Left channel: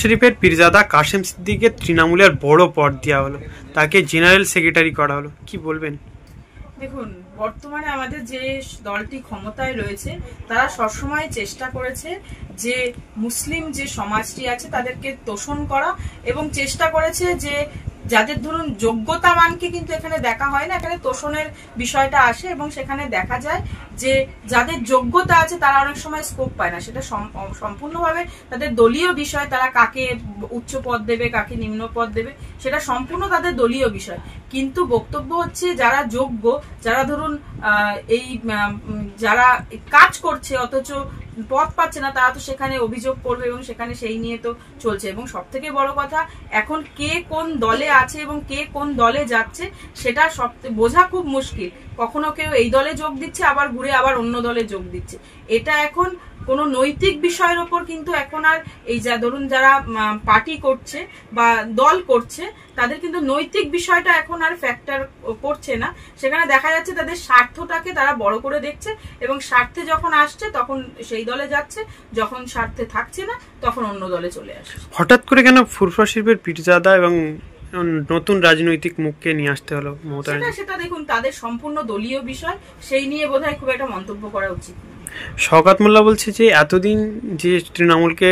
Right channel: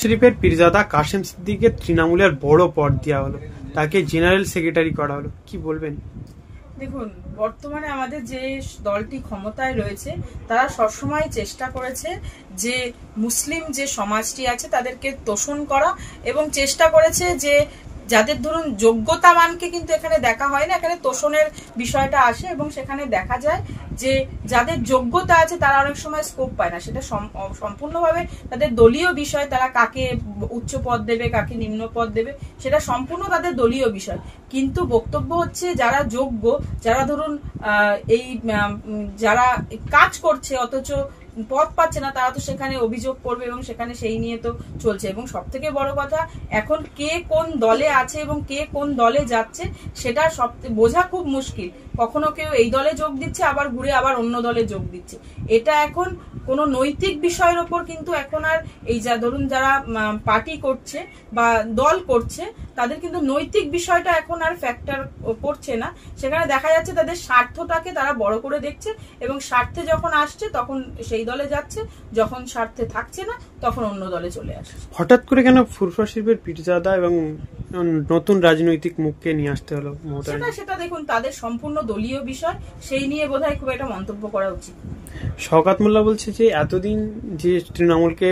শরীফের পীরজাদা কাশেম সিদ্দিককে তৃণমূলের বড় পদ দেওয়া হলো, তাকে জেনারেল সেক্রেটারি করা হলো, কি বলবেন? দেখুন, বর্তমানে আমাদের যে দলটি ক্ষমতায় রয়েছে তারা সবসময় চেষ্টা করেছে যে মুসলিম যে সমাজটি আছে তাদেরকে তোষণ করা এবং চেষ্টা করেছে যে যাদের ধরুন যোগ্যতামানকে কিন্তু এখানে দেখা হয় না, এখানে তোষণের বিষয়টা আসে এবং সেখানে দেখা যায় যে যাদের যোগ্যতা আছে তারা অনেক সময় স্কোপ পায় না। সেটা সম্পূর্ণভাবে তাদের দলীয় বিষয়, তারা কাকে উচ্চ পদ দেবে কাকে নিম্ন পদ দেবে সেটা সম্পূর্ণ তাদের দলীয় বিষয়। কিন্তু বক্তব্য হচ্ছে যারা যোগ্য, যারা ধরুন এই যারা কাজ করছে অথচ পদ পাচ্ছে না, তারা তো সেখানে অভিযোগ করবে এবং সেখানে সেই নিয়ে তো চলছে। এবং সব থেকে বড় কথা, এখন কে কোন দলে আছে এবং কে কোন দলে যাচ্ছে সেটা বোঝা খুব মুশকিল। কখনো কেউ এই দলে যোগ দিচ্ছে, আবার ঘুরে আবার অন্য দলে যোগ দিচ্ছে। এটা এখন কোন নৈতিক বিষয়ের ওপর কিন্তু এখন আর এই ধরুন যারা পার্টি করছে বা দল করছে তাদের কিন্তু নৈতিক বিষয়টা এখন আর ফ্যাক্টর করছে না। সেখানে দেখা যাচ্ছে তাদের স্বার্থটাকে তারা বড় করে দেখছে এবং স্বার্থে যখন আসছে তখন সেই দলে যাচ্ছে, যখন স্বার্থে থাকছে না তখন অন্য দলে চলে আসে। হঠাৎ করে কেন ফুরফুরা শরীফের পীরজাদা এবং নতুন রাজনৈতিক মুখকে নিয়ে আসতে হলো? সেটা দেখুন তাদের সম্পূর্ণ দলীয় বিষয়, সেই নিয়ে বোধহয় খুব একটা মন্তব্য করা উচিত। শওকত মোল্লা বলছে যে এতদিন যে তৃণমূলকে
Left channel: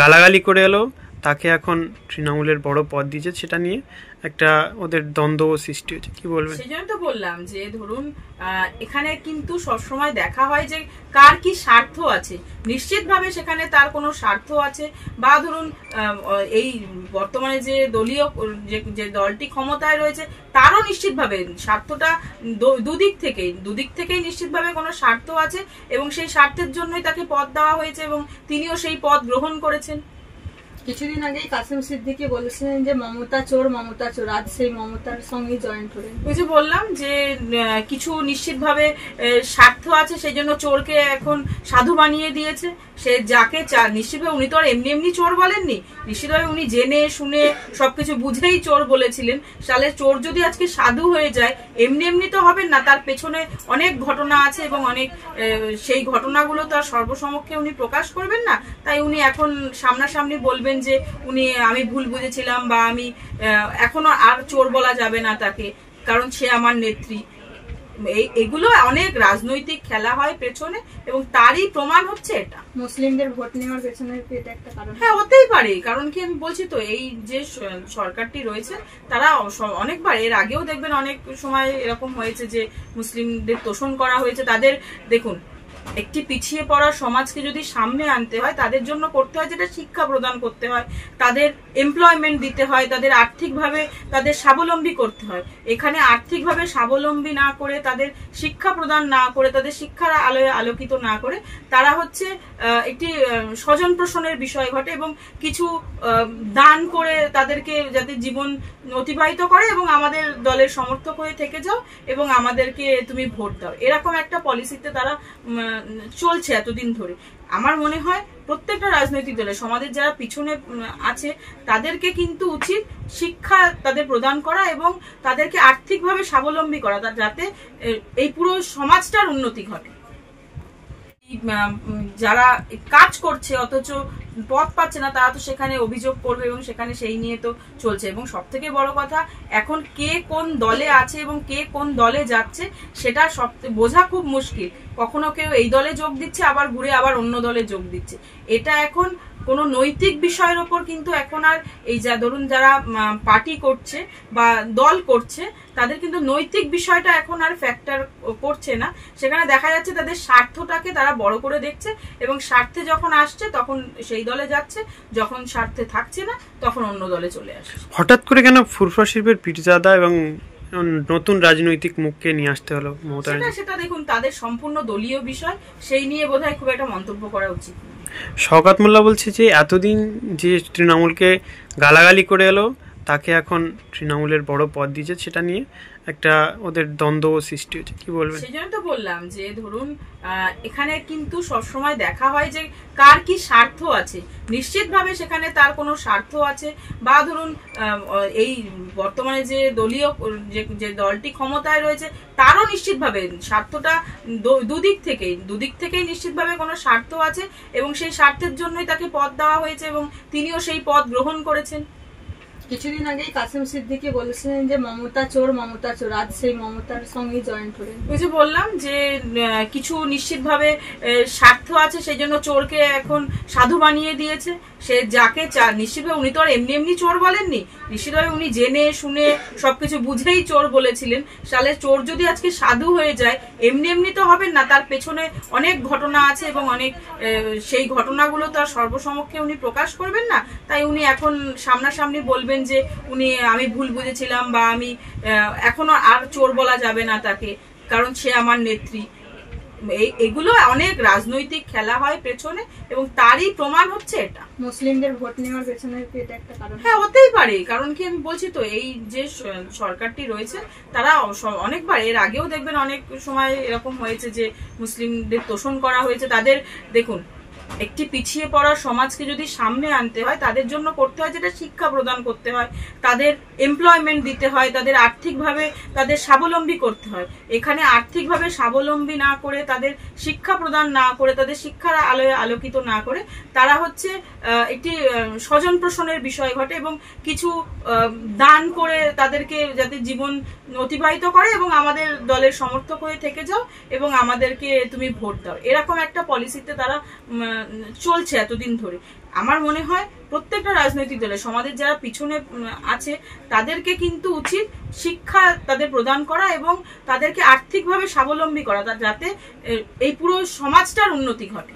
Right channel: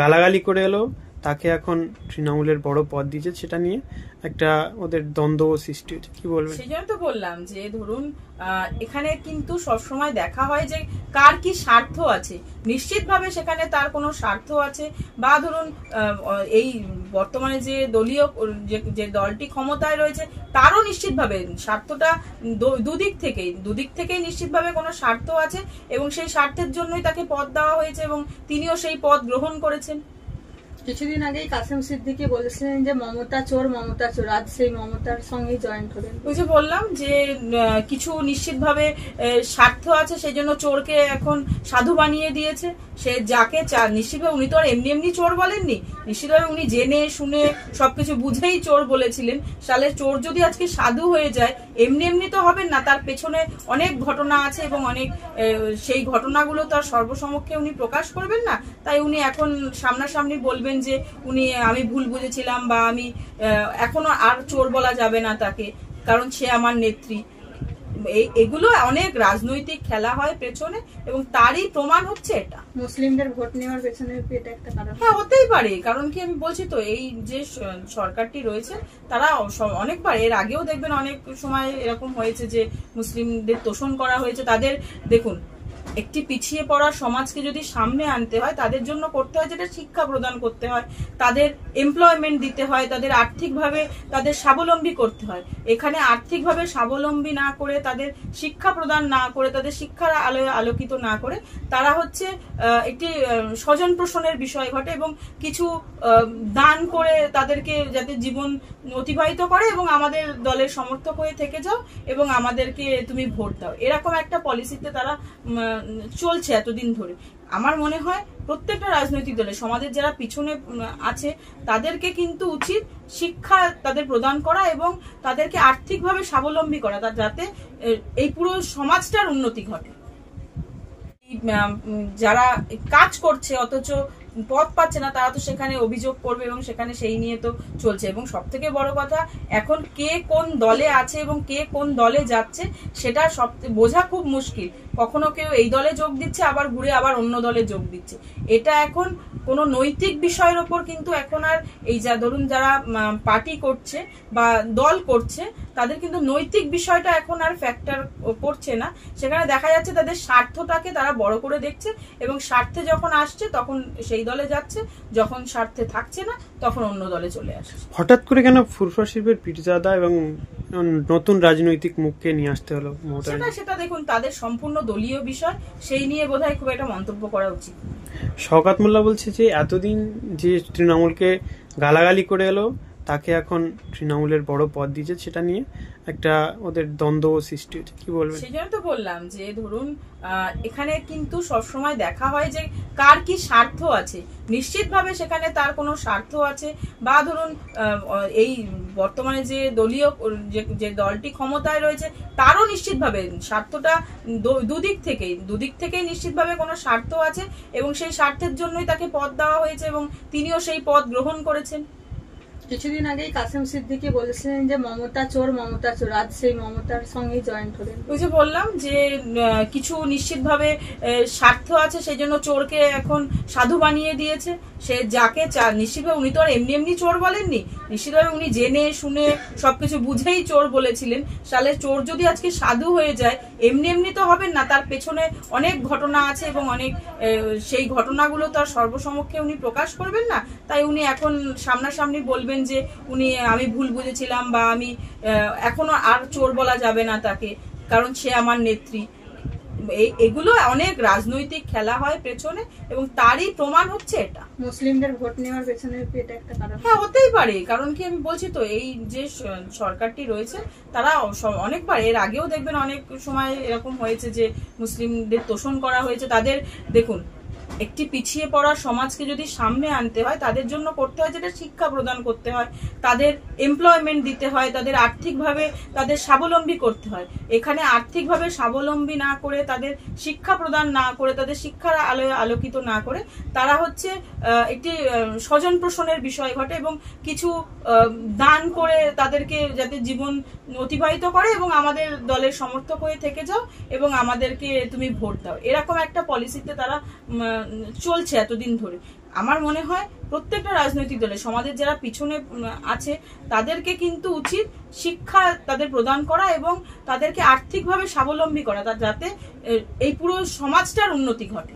গালাগালি করে এলো তাকে এখন তৃণমূলের বড় পদ দিয়েছে, সেটা নিয়ে একটা ওদের দ্বন্দ্ব সৃষ্টি হয়েছে, কি বলবেন? সেই জন্য তো বললাম যে ধরুন এখানে কিন্তু সবসময় দেখা হয় যে কার কি স্বার্থ আছে। নিশ্চিতভাবে সেখানে তার কোনো স্বার্থ আছে, বা ধরুন এই বর্তমানে যে দলীয় যে দলটি ক্ষমতায় রয়েছে তারও নিশ্চিতভাবে স্বার্থটা দুদিক থেকেই নিশ্চিতভাবে কোনো স্বার্থ আছে এবং সেই স্বার্থের জন্যই তাকে পদ দেওয়া হয়েছে এবং তিনিও সেই পদ গ্রহণ করেছেন। কিছুদিন আগেই কাসেম সিদ্দিকী বলেছিলেন যে মমতা চোর, আজ সেই মমতার সঙ্গে জয়েন করেন। ওই যে বললাম যে কিছু নিশ্চিতভাবে স্বার্থ আছে, সেই জন্য চোরকে এখন সাধু বানিয়ে দিয়েছে। সে যাকে নিশ্চিতভাবে উনি তো আর এমনি এমনি চোর বলেননি, নিশ্চিতভাবে উনি জেনে শুনে সবকিছু বুঝেই চোর বলেছিলেন। সালে চোর যদি আজকে সাধু হয়ে যায় এমনি এমনি তো হবেন না, তার পেছনে অনেক ঘটনা আছে এবং অনেক সেই ঘটনাগুলো তার সর্বসমক্ষে উনি প্রকাশ করবেন না। তাই উনি এখন সামনাসামনি বলবেন যে আমি ভুল বুঝেছিলাম বা আমি এখনো আর চোর বলা যাবে না তাকে, কারণ সে আমার নেত্রী। এগুলো অনেক রাজনৈতিক খেলা হয় পেছনে এবং তারই প্রমাণ হচ্ছে এটা। মুসলিমদের ভোট নেওয়ার পেছনে এটা একটা কারণ। হ্যাঁ, হতেই পারে, কারণ কি আমি বলছি তো এই যে সরকারটি রয়েছে তারা অনেকবার এর আগেও দেখবেন অনেক সময় এরকম হয়েছে যে মুসলিমদের তোষণ করা হয়েছে। তাদের দেখুন, একটি পিছিয়ে পড়া সমাজকে যদি সামনে আনতে হয় তাদের জন্য করতে হয় যেটা শিক্ষা প্রদান করতে হয়, তাদের এমপ্লয়মেন্ট দিতে হয়, তাদের আর্থিকভাবে তাদের স্বাবলম্বী করতে হয়। এখানে আর্থিকভাবে স্বাবলম্বী না করে, তাদের শিক্ষা প্রদান না করে, তাদের শিক্ষার আলোয় আলোকিত না করে তারা হচ্ছে একটি স্বজন পোষণের বিষয় ঘটে এবং কিছু দান করে তাদেরকে যাতে জীবন অতিবাহিত করে এবং আমাদের দলের সমর্থক হয়ে থেকে যাও এবং আমাদেরকে তুমি ভোট দাও, এরকম একটা পলিসিতে তারা চলছে এতদিন ধরে। আমার মনে হয় প্রত্যেকটা রাজনৈতিক দলে সমাজের যারা পিছনে আছে তাদেরকে কিন্তু উচিত শিক্ষা তাদের প্রদান করা এবং তাদেরকে আর্থিকভাবে স্বাবলম্বী করা, যাতে এই পুরো সমাজটার উন্নতি ঘটে। যারা কাজ করছে অথচ পদ পাচ্ছে না, তারা তো সেখানে অভিযোগ করবে এবং সেখানে সেই নিয়ে তো চলছে। এবং সব থেকে বড় কথা, এখন কে কোন দলে আছে এবং কে কোন দলে যাচ্ছে সেটা বোঝা খুব মুশকিল। কখনো কেউ এই দলে যোগ দিচ্ছে, আবার ঘুরে আবার অন্য দলে যোগ দিচ্ছে। এটা এখন কোনো নৈতিক বিষয়ের ওপর কিন্তু এখন আর এই ধরুন যারা পার্টি করছে বা দল করছে তাদের কিন্তু নৈতিক বিষয়টা এখন আর ফ্যাক্টর করছে না। সেখানে দেখা যাচ্ছে তাদের স্বার্থটাকে তারা বড় করে দেখছে এবং স্বার্থে যখন আসছে তখন সেই দলে যাচ্ছে, যখন স্বার্থে থাকছে না তখন অন্য দলে চলে আসে। হঠাৎ করে কেন ফুরফুরা শরীফের পীরজাদা এবং নতুন রাজনৈতিক মুখকে নিয়ে আসতে হলো? সেটা দেখুন তাদের সম্পূর্ণ দলীয় বিষয়, সেই নিয়ে বোধহয় খুব একটা মন্তব্য করা উচিত। শওকত মোল্লা বলছে যে এতদিন যে তৃণমূলকে গালাগালি করে এলো তাকে এখন তৃণমূলের বড় পদ দিয়েছে, সেটা নিয়ে একটা ওদের দ্বন্দ্ব সৃষ্টি হয়েছে। কি বলবেন? সেই জন্য তো বললাম যে ধরুন এখানে কিন্তু সবসময় দেখা হয় যে কার কি স্বার্থ আছে। নিশ্চিতভাবে সেখানে তার কোনো স্বার্থ আছে, বা ধরুন এই বর্তমানে যে দলীয় যে দলটি ক্ষমতায় রয়েছে তারও নিশ্চিতভাবে স্বার্থটা দুদিক থেকেই নিশ্চিতভাবে কোনো স্বার্থ আছে, এবং সেই স্বার্থের জন্যই তাকে পদ দেওয়া হয়েছে এবং তিনিও সেই পদ গ্রহণ করেছেন। কিছুদিন আগেই কাসেম সিদ্দিকী বলেছিলেন যে মমতা চোর, আজ সেই মমতার সঙ্গে জয়েন্ট হলেন। ওই যে বললাম যে কিছু নিশ্চিতভাবে স্বার্থ আছে, সেই জন্য চোরকে এখন সাধু বানিয়ে দিয়েছে। সে যাকে নিশ্চিতভাবে উনি তো আর এমনি এমনি চোর বলেননি, নিশ্চিতভাবে উনি জেনে শুনে সবকিছু বুঝেই চোর বলেছিলেন। তাহলে চোর যদি আজকে সাধু হয়ে যায়, এমনি এমনি তো হবেন না, তার পেছনে অনেক ঘটনা আছে এবং অনেক সেই ঘটনাগুলো তার সর্বসমক্ষে উনি প্রকাশ করবেন না। তাই উনি এখন সামনাসামনি বলবেন যে আমি ভুল বুঝেছিলাম, বা আমি এখনো আর চোর বলা যাবে না তাকে, কারণ সে আমার নেত্রী। এগুলো অনেক রাজনৈতিক খেলা হয় পেছনে, এবং তারই প্রমাণ হচ্ছে এটা। মুসলিমদের ভোট নেওয়ার পেছনে এটা একটা কারণ। হ্যাঁ, হতেই পারে, কারণ কি আমি বলছি তো, এই যে সরকারটি রয়েছে তারা অনেকবার, এর আগেও দেখবেন অনেক সময় এরকম হয়েছে যে মুসলিমদের তোষণ করা হয়েছে। তাদের দেখুন, একটি পিছিয়ে পড়া সমাজকে যদি সামনে আনতে হয়, তাদের জন্য করতে হয় যেটা শিক্ষা প্রদান করতে হয়, তাদের এমপ্লয়মেন্ট দিতে হয়, তাদের আর্থিকভাবে তাদের স্বাবলম্বী করতে হয়। এখানে আর্থিকভাবে স্বাবলম্বী না করে, তাদের শিক্ষা প্রদান না করে, তাদের শিক্ষার আলোয় আলোকিত না করে, তারা হচ্ছে একটি স্বজন পোষণের বিষয় ঘটে এবং কিছু দান করে তাদেরকে যাতে জীবন অতিবাহিত করে এবং আমাদের দলের সমর্থক হয়ে থেকে যাও এবং আমাদেরকে তুমি ভোট দাও, এরকম একটা পলিসিতে তারা চলছে এতদিন ধরে। আমার মনে হয় প্রত্যেকটা রাজনৈতিক দলে সমাজের যারা পিছনে আছে তাদেরকে কিন্তু উচিত শিক্ষা তাদের প্রদান করা এবং তাদেরকে আর্থিকভাবে স্বাবলম্বী করা, যাতে এই পুরো সমাজটার উন্নতি ঘটে।